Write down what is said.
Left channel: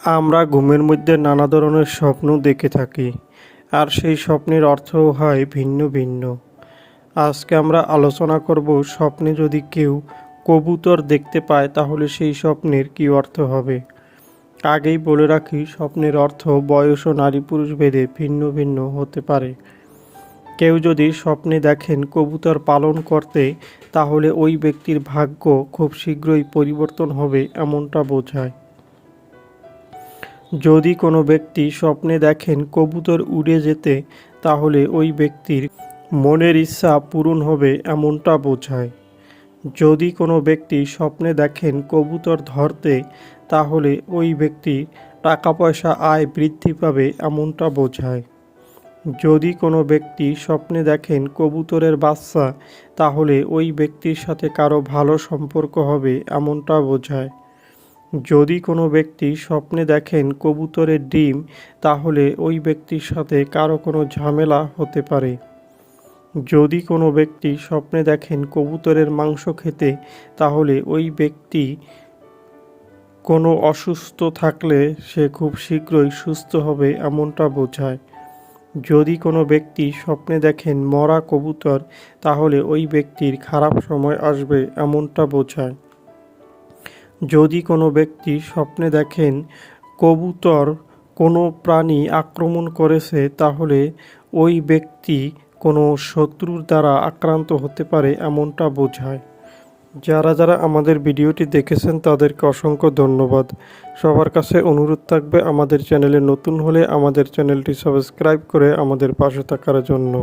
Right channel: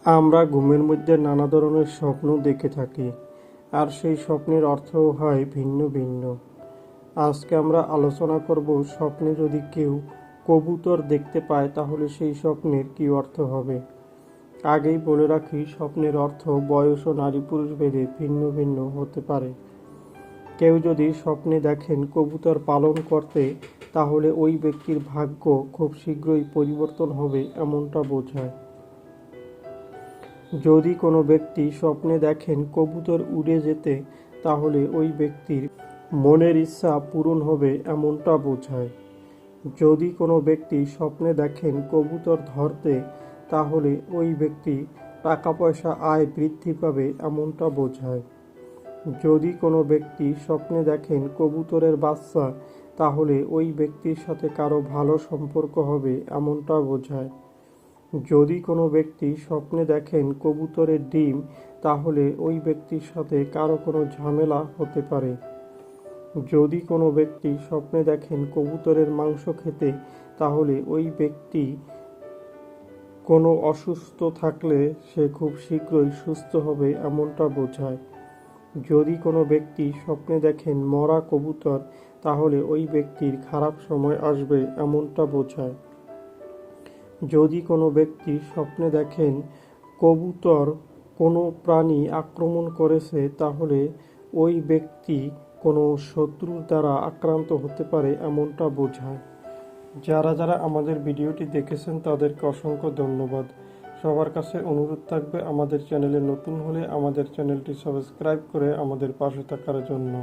আমরা ঘুমের মধ্যে নানা ধরনের স্বপ্ন দেখে থাকি, আর সেই স্বপ্নের অর্থও হয় ভিন্ন ভিন্ন। আজকে আমরা আলোচনা করব স্বপ্নে যদি কেউ কবুতর দেখতে পায়, তাহলে সেই স্বপ্নের কী অর্থ হবে? আগেই বলে রাখি, স্বপ্নের অর্থ বয়স ও নারী পুরুষ ভেদে ভিন্ন ভিন্ন হতে পারে। কেউ যদি স্বপ্নে দেখেন কবুতর পালন করতে, তাহলে ওই ব্যক্তির ভাগ্য খুব শীঘ্রই পরিবর্তন হবে এমনটা বোঝায়। যদি কোনো ব্যক্তি স্বপ্নে দেখেন কবুতর উড়ে যেতে, তাহলে ওই ব্যক্তির মনের ইচ্ছা পূরণ হবে এমনটা বোঝায়। যদি কোনো ব্যক্তি স্বপ্নে দেখেন কবুতর ধরতে, তাহলে ওই ব্যক্তি টাকা পয়সা আয় বৃদ্ধি পাবে এমনটা বোঝায়। যদি কোনো ব্যক্তি স্বপ্নে দেখেন কবুতরের বাচ্চা, তাহলে ওই ব্যক্তির সাথে কারও ভালো সম্পর্ক হবে এমনটা বোঝায়। যদি কোনো ব্যক্তি স্বপ্নে দেখেন কবুতরের ডিম, তাহলে ওই ব্যক্তির সাথে কারও কোনো ঝামেলা হতে পারে। যদি কোনো ব্যক্তি স্বপ্নে দেখেন কবুতরের মাংস খেতে, তাহলে ওই ব্যক্তি কোনো অসুস্থ থাকলে সে খুব শীঘ্রই সুস্থ হবে এমনটা বোঝায়। যদি কোনো ব্যক্তি স্বপ্নে দেখেন মরা কবুতর, তাহলে ওই ব্যক্তির খারাপ সময় আসবে এমনটা বোঝায়। যদি কোনো ব্যক্তি স্বপ্নে দেখেন কবুতর কোনো প্রাণী আক্রমণ করেছে, তাহলে ওই ব্যক্তি কোনো শত্রুর দ্বারা আক্রান্ত হতে পারে এমনটা বোঝায়। যারা যারা আমাদের ভিডিওটি দেখেছেন, তাদেরকে অসংখ্য ধন্যবাদ। সবার কাছে অনুরোধ থাকবে, আমাদের চ্যানেলে নতুন হলে আমাদের চ্যানেলটি সাবস্ক্রাইব করে আমাদের পাশে থাকার জন্য।